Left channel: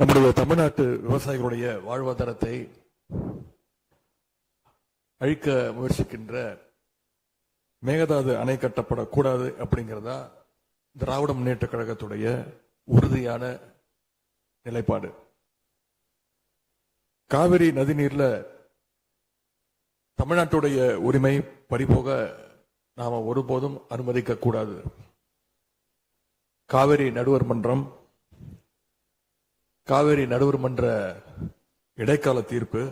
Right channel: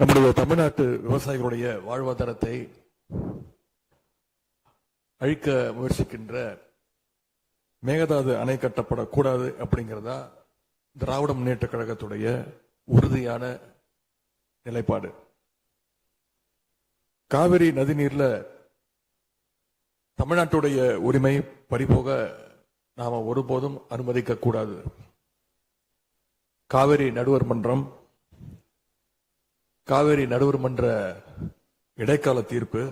நம்முடைய தமிழ்நாட்டு விவசாயிகளுடைய வாழ்வாதாரத்தை அழிக்க முயற்சிக்கின்ற மேகதாது அணை கட்டப்படக்கூடாது அப்படிங்கிறதா திராவிட முன்னேற்ற கழகத்துடைய உறுதியான நிலைப்பாடு. காவிரி நதிநீர்ல தமிழ்நாட்டுடைய உரிமை பறிபோக நாம ஒருபோதும் அனுமதிக்க கூடாது. காவிரி நடுவர் மன்றம், காவிரி நடுவர் மன்ற இடைக்கால தீர்ப்பு,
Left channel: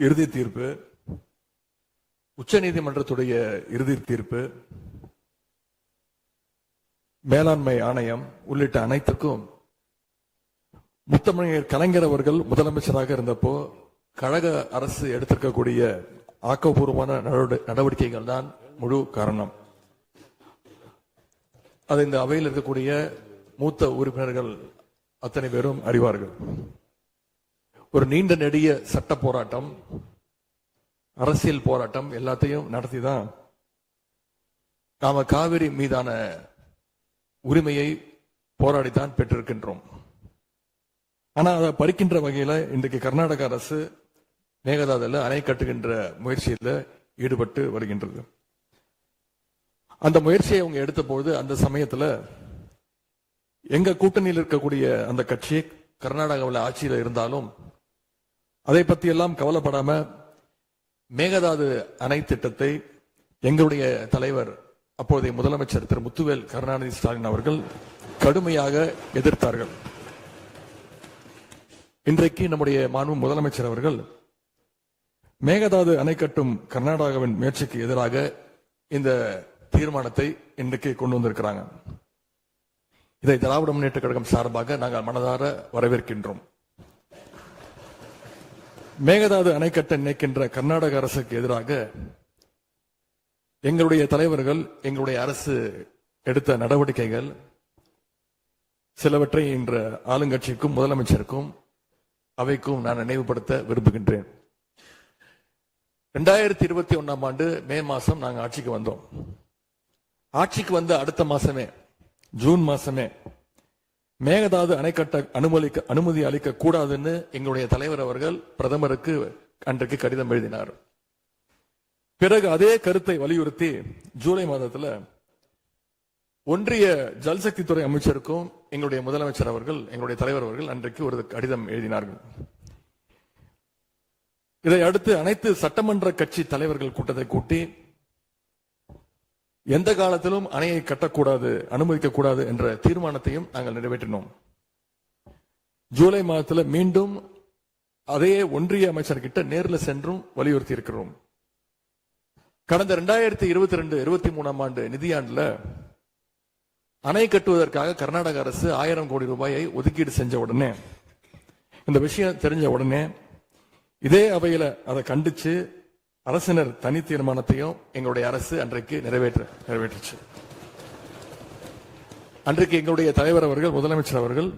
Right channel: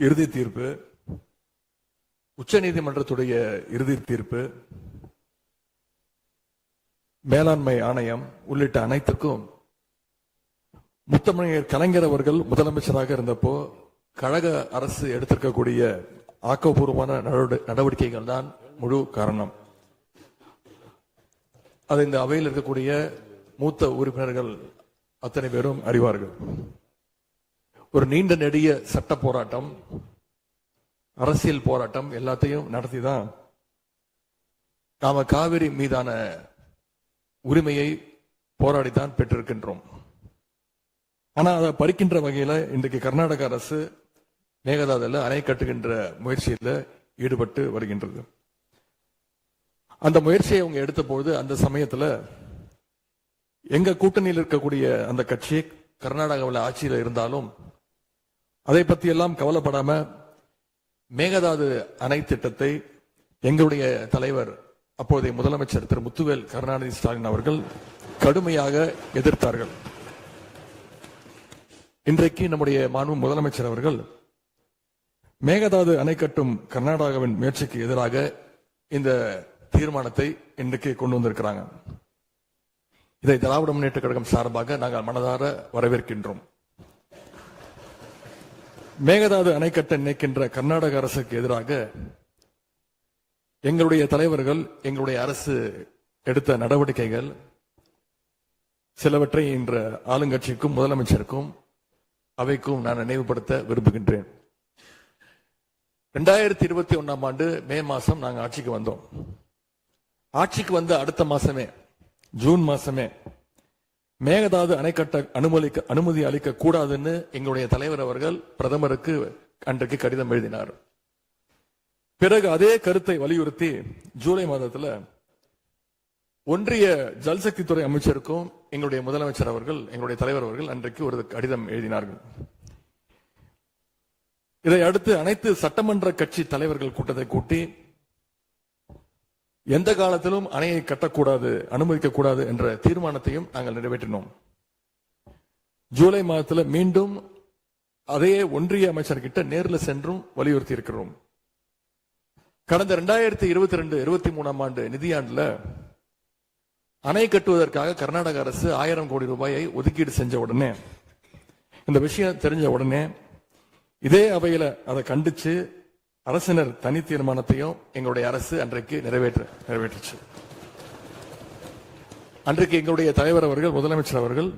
இறுதி தீர்ப்பு, உச்சநீதிமன்றத்துடைய இறுதி தீர்ப்பு, மேலாண்மை ஆணையம் உள்ளிட்ட அனைத்துக்கும் முத்தமிழர் கலைஞர் அவர்கள் முதலமைச்சராக இருந்தப்போ கழக அரசு எடுத்திருக்கக்கூடிய ஆக்கப்பூர்வமான நடவடிக்கைகள் தான் முழு காரணம். அது இந்த அவையில் இருக்கக்கூடிய மூத்த உறுப்பினர்கள் அத்தனை பேரும் அறிவார்கள். ஒரு நீண்ட நெடிய சட்ட போராட்டம், அரசியல் போராட்டம் எல்லாத்தையும் நடத்திதான் நாம காவிரி மீதான உரிமையை போராடித்தான் பெற்றிருக்கின்றோம். ஆனா அதை பறிக்கின்ற வகையில இன்றைக்கு கர்நாடக அரசு மேகதாதுல அணை கட்டுகின்ற முயற்சியில ஈடுபட்டு வருகின்றது. அந்த முயற்சியை அவங்க எடுத்த பொழுது அந்த சமயத்துல எங்க கூட்டணியில் இருக்கக்கூடிய அந்த கட்சி கர்நாடகாவில் ஆட்சியில் இருந்தாலும் அதை பத்தி எல்லாம் கவலைப்படாம மேகதாது அணை திட்டத்தை எங்களுடைய தலைவர் அப்போதைய முதலமைச்சர் திரு முத்துவேல் கருணாநிதி ஸ்டாலின் அவர்கள் கடுமையாக எதிர்த்தார்கள். இன்றைக்கு நம்முடைய மாண்பு முதலமைச்சர் அவர்கள் மேகதாது அணை கட்டும் கர்நாடகாவின் முயற்சிக்கு எதிராக இந்த தீர்மானத்தை இன்றைக்கு கொண்டு வந்திருக்கிறாங்க. இதை திராவிட முன்னேற்ற கழகம் சார்பாக நாங்கள் மனதார வரவேற்கின்றோம். மேகதாது அணை கட்ட நினைக்கின்ற கர்நாடக அரசுக்கு எதிராக எங்களுடைய தலைவர்கள், எங்களுடைய அரசு எடுத்த நடவடிக்கைகள் சிலவற்றை இன்று ஆளுங்கட்சிக்கும் முதலமைச்சருக்கும் அவைக்கும் நான் நினைவுபடுத்த விரும்புகின்றேன். 2021 ஆண்டு மே மாசம் நாங்கள் ஆட்சிக்கு வந்தோம். ஆட்சிக்கு வந்த அடுத்த மாசமே, ஜூன் மாசமே மேகதாது அணை கட்ட அனுமதி அளிக்க கூடாதுன்னு எங்களுடைய தலைவர் அவர்கள் பிரதமருக்கு அன்றைக்கு கடிதம் எழுதினார். பிறகு அதே கருத்தை வலியுறுத்தி ஜூலை மாதத்துல ஒன்றிய ஜல்சக்தித்துறை அமைச்சருக்கும் எங்களுடைய முதலமைச்சர் அவர்கள், எங்களுடைய தலைவர் அவர்கள் அன்றைக்கு ஒரு கடிதம் எழுதினார்கள். இதை அடுத்து அனைத்து சட்டமன்ற கட்சி தலைவர்கள் கூட்டத்தை கூட்டி எந்த காலத்திலும் அணையை கட்டக்கூடாது, அனுமதிக்க கூடாது என்ற தீர்மானத்தையும் நாங்கள் நிறைவேற்றினோம். ஜூலை மாதத்தில் மீண்டும் அதே ஒன்றிய அமைச்சர்கிட்ட நேரில் சென்றும் வலியுறுத்தி இருக்கிறோம். கடந்த 2022-23 ஆண்டு நிதியாண்டுல அணை கட்டுவதற்காக கர்நாடக அரசு 1000 கோடி ரூபாயை ஒதுக்கீடு செஞ்ச உடனே, இந்த விஷயம் தெரிஞ்ச உடனே இதே அவையில அதை கண்டிச்சு அரசினர் தனி தீர்மானத்தையும் எங்களுடைய அரசு அன்றைக்கு நிறைவேற்றுச்சு. அன்றைக்கு எங்களுடைய தலைவர் அவர்கள், முதலமைச்சர் அவர்கள்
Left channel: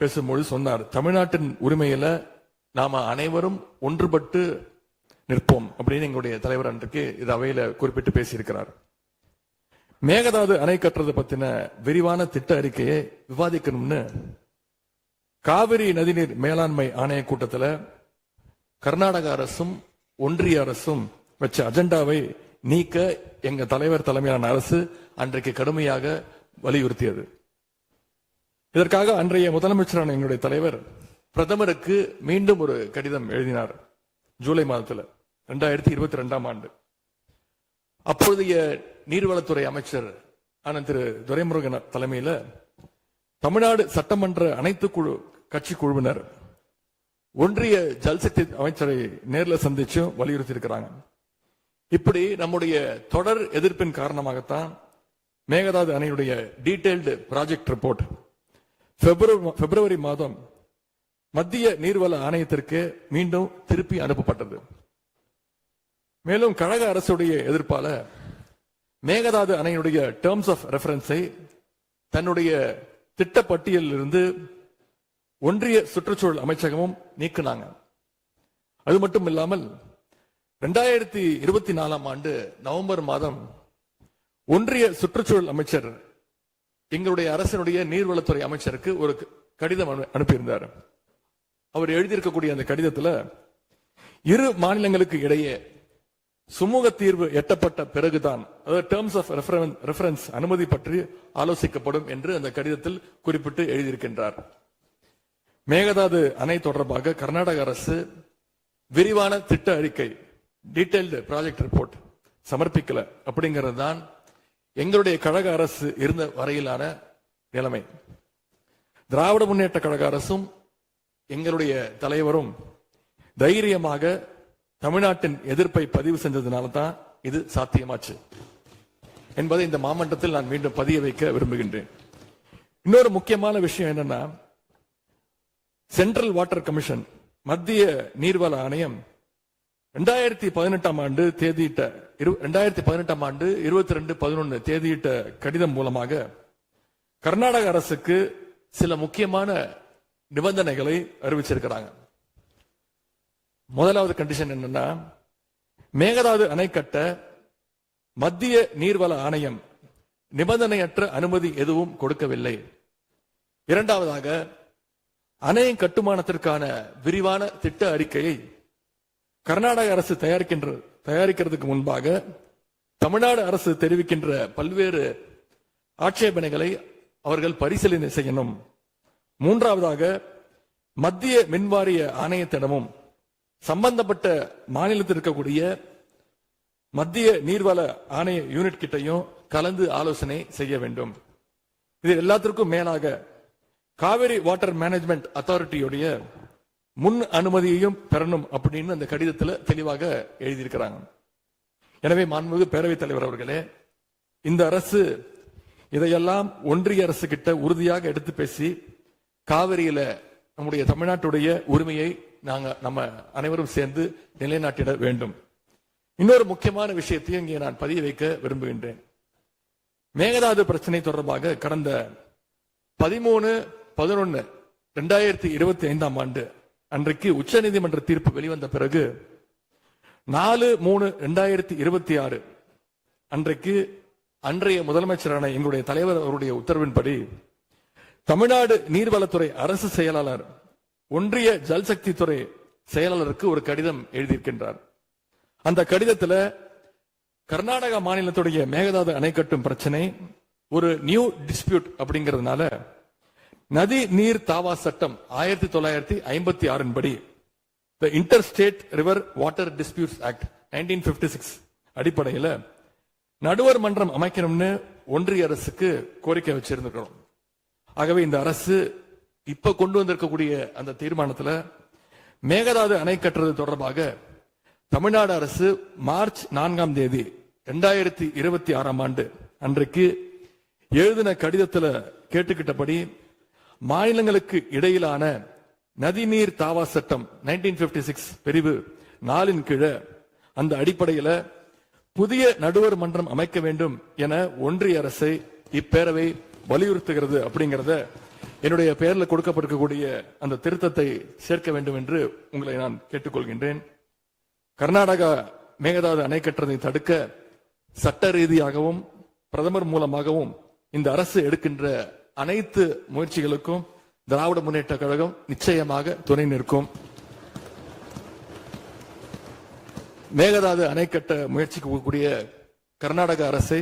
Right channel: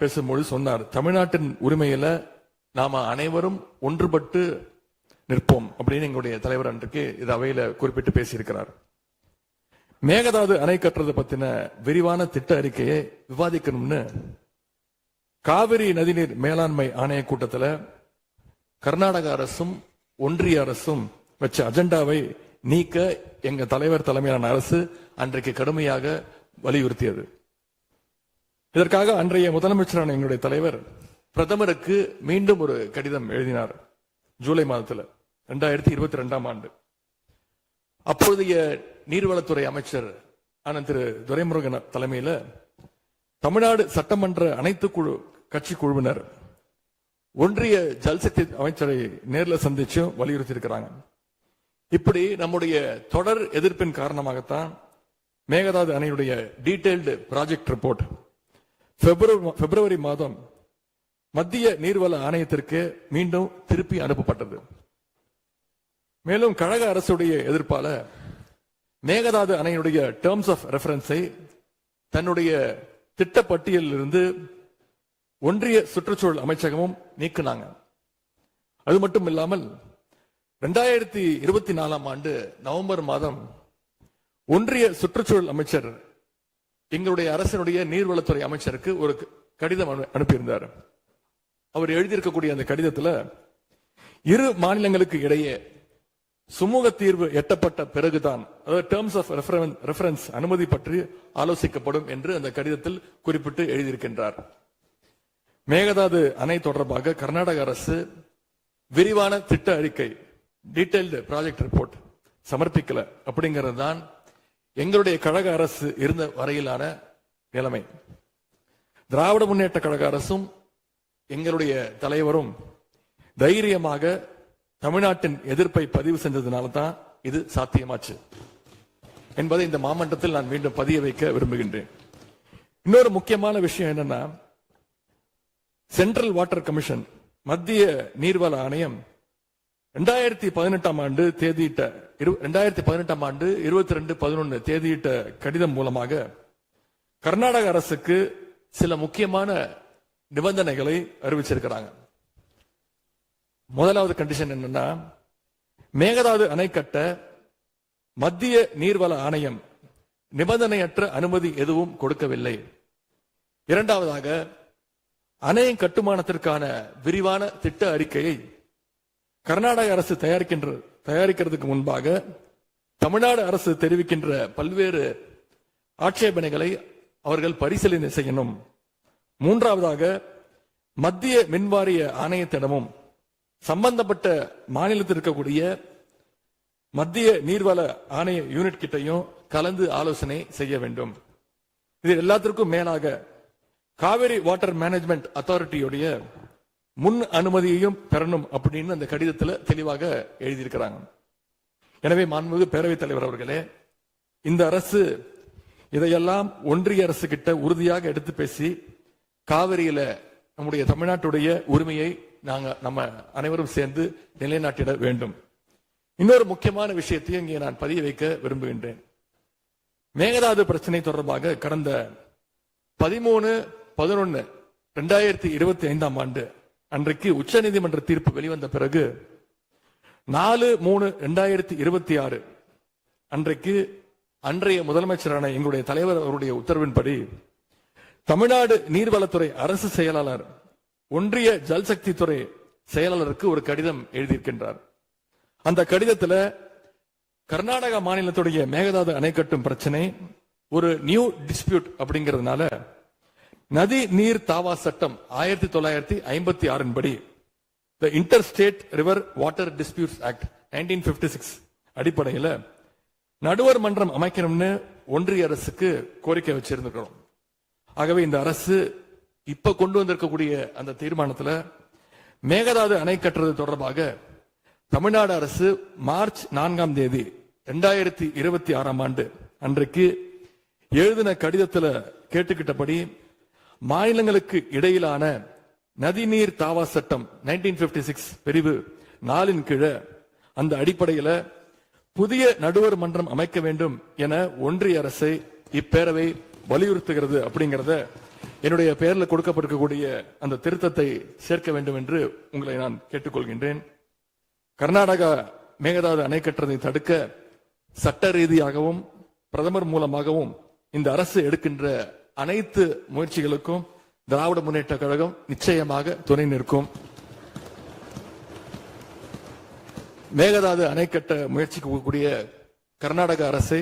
பேசும்போது சொன்னார், தமிழ்நாட்டின் உரிமையில நாம அனைவரும் ஒன்றுபட்டு நிற்போம் அப்படின்னு எங்களுடைய தலைவர் அன்றைக்கு இது அவையில குறிப்பிட்டு பேசியிருக்கிறார். மேகதாது அணை கட்டுறது பத்தின விரிவான திட்ட அறிக்கையை விவாதிக்கணும்னு காவிரி நதிநீர் மேலாண்மை ஆணைய கூட்டத்தில் கர்நாடக அரசும் ஒன்றிய அரசும் வச்ச அஜெண்டாவை நீக்க எங்க தலைவர் தலைமையிலான அரசு அன்றைக்கு கடுமையாக வலியுறுத்தியது. இதற்காக அன்றைய முதலமைச்சரான எங்களுடைய தலைவர் பிரதமருக்கு மீண்டும் ஒரு கடிதம் எழுதினார் ஜூலை மாதத்தில் 2022 ஆண்டு. அப்போதைய நீர்வளத்துறை அமைச்சர் ஆன திரு துரைமுருகன் தலைமையில் தமிழ்நாடு சட்டமன்ற அனைத்து கட்சி குழுவினர் ஒன்றிய ஜல்சக்தி அமைச்சரை நேரில் சந்திச்சு வலியுறுத்தி இருக்கிறாங்க. இப்படி நம்முடைய தொடர் எதிர்ப்பின் காரணமாகத்தான் மேகதாது அணையுடைய டீடைல்டு ப்ராஜெக்ட் ரிப்போர்ட் பிப்ரவரி மாதம் மத்திய நீர்வள ஆணையத்திற்கு மீண்டும் திருப்பி அனுப்பப்பட்டது. மேலும் கழக அரசுடைய எதிர்ப்பால மேகதாது அணையுடைய டேர்ம்ஸ் ஆஃப் ரெஃபரன்ஸை தன்னுடைய திட்டப்பட்டியலில் இருந்து ஒன்றிய சுற்றுச்சூழல் அமைச்சகமும் நீக்கினாங்க. அது மட்டும் இல்லாமல் 2024 ஆண்டு நவம்பர் மாதம் ஒன்றிய சுற்றுச்சூழல் அமைச்சர் எங்களுடைய அரசினுடைய நீர்வளத்துறை அமைச்சருக்கு ஒரு கடிதம் அனுப்பியிருந்தார். அவர் எழுதியிருக்கக்கூடிய அந்த கடிதத்துல இரு மாநிலங்களுக்கு இடையே சுமூக தீர்வு எட்டப்பட்ட பிறகுதான், அதாவது டேர்ம்ஸ் ஆஃப் ரெஃபரன்ஸ் அனுமதி பற்றி ஆலோசிக்கப்படும் என்று அந்த கடிதத்தில் குறிப்பிட்டு எழுதியிருக்கின்றார். மேகதாது அணை தொடர்பாக கர்நாடக அரசு விரிவான திட்ட அறிக்கை, டீடைல்டு ப்ராஜெக்ட் ரிப்போர்ட் சமர்ப்பிக்கல அப்படிங்கிறது தான் எங்களுடைய கழக அரசு இருந்த வரையிலான நிலைமை. திராவிட முன்னேற்ற கழக அரசும் எங்களுடைய தலைவரும் தைரியமாக தமிழ்நாட்டின் எதிர்ப்பை பதிவு செஞ்சதுனால தான் இது சாத்தியமாச்சு என்பதை இந்த மாமன்றத்தில் நான் மீண்டும் பதிய வைக்க விரும்புகின்றேன். இன்னொரு முக்கியமான விஷயம் என்னன்னா, சென்ட்ரல் வாட்டர் கமிஷன், மத்திய நீர்வள ஆணையம் 2018 ஆண்டு தேதியிட்ட 2018 ஆண்டு 22/11 தேதியிட்ட கடிதம் மூலமாக கர்நாடக அரசுக்கு சில முக்கியமான நிபந்தனைகளை அறிவிச்சிருக்கிறாங்க. முதலாவது கண்டிஷன் என்னன்னா, மேகதாது அணை கட்ட மத்திய நீர்வள ஆணையம் நிபந்தனையற்ற அனுமதி எதுவும் கொடுக்கவில்லை. இரண்டாவதாக, அணையின் கட்டுமானத்திற்கான விரிவான திட்ட அறிக்கையை கர்நாடக அரசு தயாரிக்கிறதுக்கு முன்பாக தமிழ்நாடு அரசு தெரிவிக்கின்ற பல்வேறு ஆட்சேபனைகளை அவர்கள் பரிசீலனை செய்யணும். மூன்றாவதாக, மத்திய மின்வாரிய ஆணையத்திடமும் சம்பந்தப்பட்ட மாநிலத்தில் இருக்கக்கூடிய மத்திய நீர்வள ஆணைய யூனிட் கிட்டையும் கலந்து ஆலோசனை செய்ய வேண்டும். இது எல்லாத்திற்கும் மேலாக காவிரி வாட்டர் மேனேஜ்மெண்ட் அத்தாரிட்டியுடைய முன் அனுமதியையும் பெறணும் அப்படின்னு அந்த கடிதத்தில் தெளிவாக எழுதியிருக்கிறாங்க. எனவே மாண்புமிகு பேரவைத் தலைவர் அவர்களே, இந்த அரசு இதையெல்லாம் ஒன்றிய அரசு கிட்ட உறுதியாக எடுத்து பேசி காவிரியில நம்முடைய தமிழ்நாட்டுடைய உரிமையை நம்ம அனைவரும் சேர்ந்து நிலைநாட்டிட வேண்டும். இன்னொரு முக்கியமான விஷயத்தையும் இங்கே நான் பதிய வைக்க விரும்புகின்றேன். மேகதாது பிரச்சனை தொடர்பாக கடந்த 13/11/2025 ஆண்டு அன்றைக்கு உச்சநீதிமன்ற தீர்ப்பு வெளிவந்த பிறகு 4/3/2026 அன்றைக்கு அன்றைய முதலமைச்சரான எங்களுடைய தலைவர் அவருடைய உத்தரவின்படி தமிழ்நாடு நீர்வளத்துறை அரசு செயலாளர் ஒன்றிய ஜல்சக்தி துறை செயலாளருக்கு ஒரு கடிதம் எழுதியிருக்கின்றார். அந்த கடிதத்தில் கர்நாடக மாநிலத்துடைய மேகதாது அணை கட்டும் பிரச்சனை ஒரு நியூ டிஸ்பியூட் அப்படிங்கிறதுனால நதி நீர் தாவா சட்டம் 1956 படி inter state river water disputes act 1956 அடிப்படையில் நடுவர் மன்றம் அமைக்கணும்னு ஒன்றிய அரசுக்கு கோரிக்கை வச்சிருக்கிறோம். ஆகவே இந்த அரசு இப்ப கொண்டு வந்திருக்கக்கூடிய அந்த தீர்மானத்தில் மேகதாது அணை கட்டுறது தொடர்பாக தமிழ்நாடு அரசு மார்ச் 4ஆம் தேதி 2026 ஆண்டு அன்றைக்கு எழுதின கடிதத்தில் கேட்டுக்கிட்டபடி மாநிலங்களுக்கு இடையிலான நதிநீர் தாவா சட்டம் 1956 பிரிவு 4 கீழே அந்த அடிப்படையில் புதிய நடுவர் மன்றம் அமைக்க வேண்டும் என ஒன்றிய அரசை இப்பேரவை வலியுறுத்துகிறது அப்படிங்கறத என்னுடைய பெயரில் கொடுக்கப்பட்டிருக்கக்கூடிய அந்த திருத்தத்தை சேர்க்க வேண்டும் என்று உங்களை நான் கேட்டுக்கொள்கின்றேன். கர்நாடகா மேகதாது அணை கட்டுறதை தடுக்க சட்ட ரீதியாகவும் பிரதமர் மூலமாகவும் இந்த அரசு எடுக்கின்ற அனைத்து முயற்சிகளுக்கும் திராவிட முன்னேற்ற கழகம் நிச்சயமாக துணை நிற்கும். மேகதாது அணை கட்ட முயற்சிக்கக்கூடிய கர்நாடக அரசை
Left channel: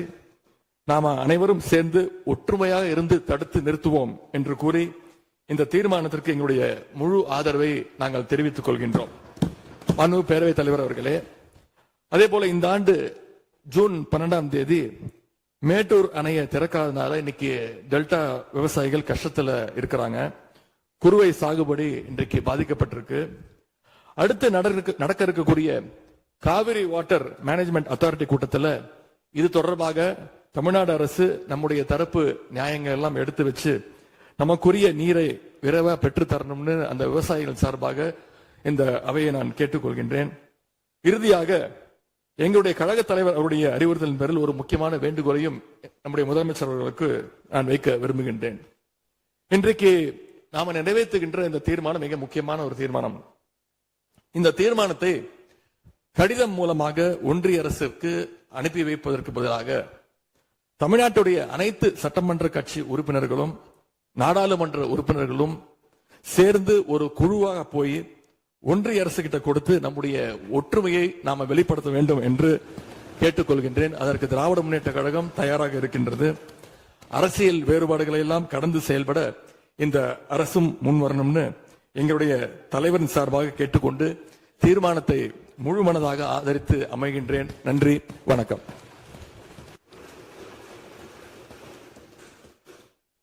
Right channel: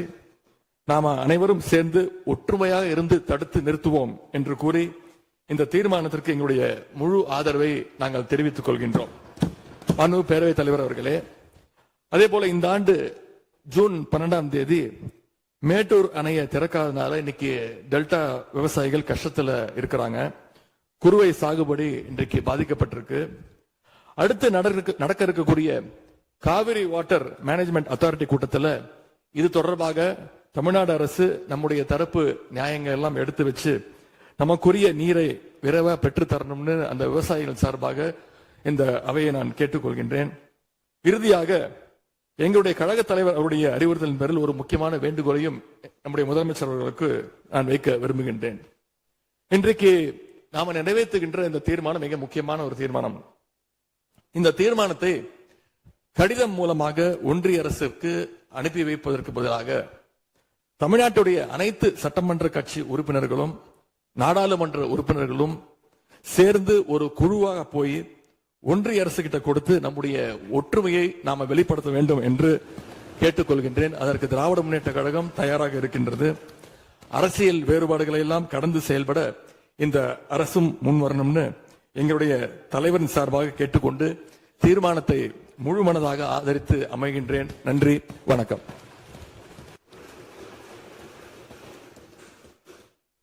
நாம அனைவரும் சேர்ந்து ஒற்றுமையாக இருந்து தடுத்து நிறுத்துவோம் என்று கூறி இந்த தீர்மானத்திற்கு எங்களுடைய முழு ஆதரவை நாங்கள் தெரிவித்துக் கொள்கின்றோம். மாண்புமிகு பேரவைத் தலைவர் அவர்களே, அதே போல இந்த ஆண்டு ஜூன் 12ஆம் தேதி மேட்டூர் அணையை திறக்காதனால இன்னைக்கு டெல்டா விவசாயிகள் கஷ்டத்துல இருக்கிறாங்க. குறுவை சாகுபடி இன்றைக்கு பாதிக்கப்பட்டிருக்கு. அடுத்து நடக்க இருக்கக்கூடிய காவிரி வாட்டர் மேனேஜ்மெண்ட் அத்தாரிட்டி கூட்டத்தில் இது தொடர்பாக தமிழ்நாடு அரசு நம்முடைய தரப்பு நியாயங்கள் எல்லாம் எடுத்து வச்சு நமக்குரிய நீரை விரைவா பெற்று தரணும்னு அந்த விவசாயிகள் சார்பாக இந்த அவையை நான் கேட்டுக்கொள்கின்றேன். இறுதியாக எங்களுடைய கழக தலைவர் அவருடைய அறிவுறுத்தலின் பேரில் ஒரு முக்கியமான வேண்டுகோளையும் நம்முடைய முதலமைச்சர் அவர்களுக்கு நான் வைக்க விரும்புகின்றேன். இன்றைக்கு நாம நிறைவேற்றுகின்ற இந்த தீர்மானம் மிக முக்கியமான ஒரு தீர்மானம். இந்த தீர்மானத்தை கடிதம் மூலமாக ஒன்றிய அரசுக்கு அனுப்பி வைப்பதற்கு பதிலாக தமிழ்நாட்டுடைய அனைத்து சட்டமன்ற கட்சி உறுப்பினர்களும் நாடாளுமன்ற உறுப்பினர்களும் சேர்ந்து ஒரு குழுவாக போய் ஒன்றிய அரசு கிட்ட கொடுத்து நம்முடைய ஒற்றுமையை நாம வெளிப்படுத்த வேண்டும் என்று கேட்டுக்கொள்கின்றேன். அதற்கு திராவிட முன்னேற்ற கழகம் தயாராக இருக்கின்றது. அரசியல் வேறுபாடுகளை எல்லாம் கடந்து செயல்பட இந்த அரசும் முன்வரணும்னு எங்களுடைய தலைவரின் சார்பாக கேட்டுக்கொண்டு தீர்மானத்தை முழுமனதாக ஆதரித்து அமைகின்றேன். நன்றி, வணக்கம்.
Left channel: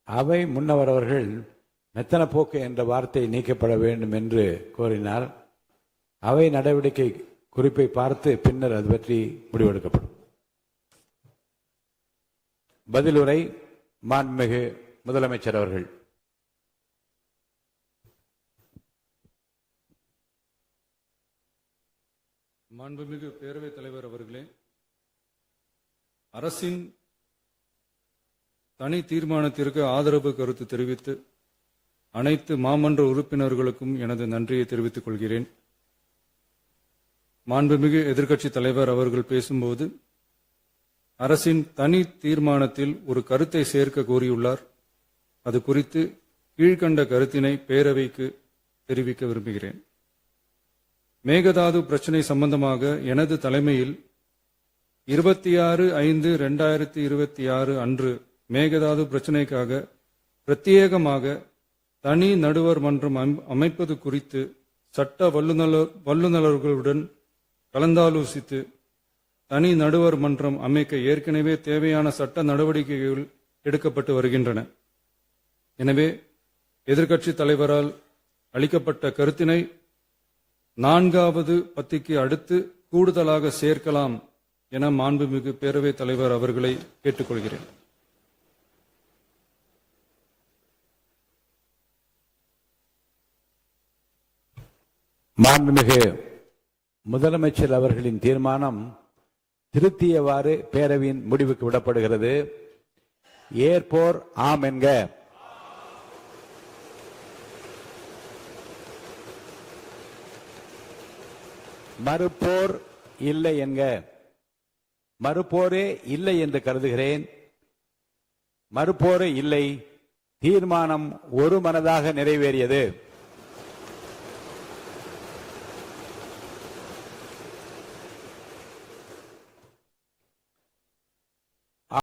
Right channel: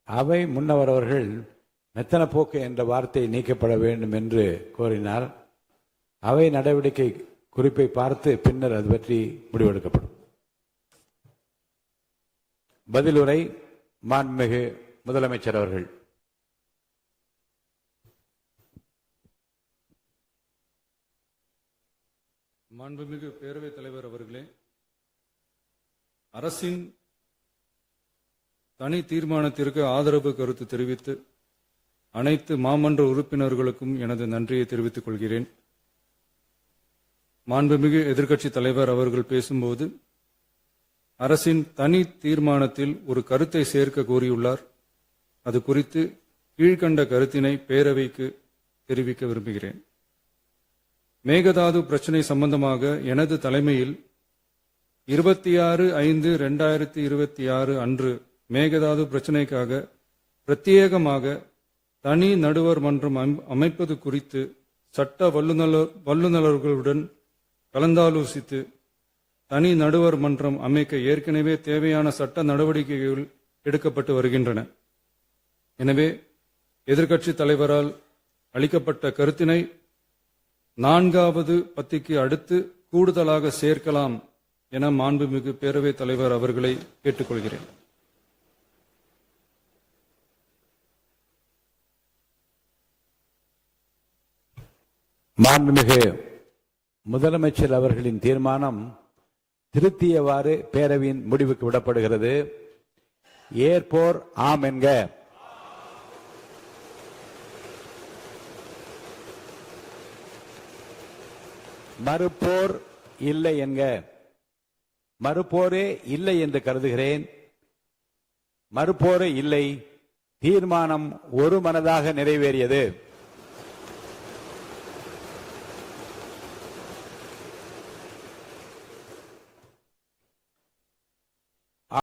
அவை முன்னவர் அவர்கள் மெத்தன போக்கு என்ற வார்த்தை நீக்கப்பட வேண்டும் என்று கோரினார். அவை நடவடிக்கை குறிப்பை பார்த்து பின்னர் அது பற்றி முடிவெடுக்கப்படும். பதிலுரை மாண்புமிகு முதலமைச்சர் அவர்கள். மாண்புமிகு பேரவைத் தலைவர் அவர்களே, அரசின் தனி தீர்மானத்திற்கு ஆதரவு கருத்து தெரிவித்து அனைத்து மாமன்ற உறுப்பினர்களுக்கும் எனது நன்றியை தெரிவித்துக் கொள்கிறேன். மாண்புமிகு எதிர்க்கட்சித் தலைவர் அவர்கள் பேசும்போது அரசின் தனி தீர்மானத்தில் ஒரு கருத்தை சேர்க்க கோரியுள்ளார். அது குறித்து கீழ்கண்ட கருத்தினை பேரவைக்கு தெரிவிக்க விரும்புகிறேன். மேகதாது பிரச்சினை சம்பந்தமாக எனது தலைமையில் 26/5/2026 அன்று மேகதாது பிரச்சினைக்காக பிரத்யேகமாக தனி நடுவர் மன்றம் அமைப்பது குறித்து சட்ட வல்லுநர்களுடன் கலந்தாலோசித்து தனி நடுவர் மன்றம் அமைக்க ஏற்கனவே தேவையான சட்ட நடவடிக்கைகள் எடுக்கப்பட்டு வருகின்றன. எனவே எதிர்க்கட்சித் தலைவரால் அளிக்கப்பட்ட கருத்தினை 4வது பத்திக்கு அடுத்து கூடுதலாக சேர்க்கலாம் என மாண்புமிகு பேரவைத் தலைவர் அவர்களை கேட்டுக்கொள்கிறேன். மாண்புமிகு முதலமைச்சர் அவர்களின் தீர்மானம் திருத்தியவாறு பேரவையின் முடிவுக்கு விடப்படுகிறது. ஏற்போர் ஆம் என்க. மறுப்போர் இல்லை என்க. மறுப்போரே இல்லை என்று கருதுகிறேன். மறுப்போரே இல்லை. தீர்மானம் ஒருமனதாக நிறைவேறியது.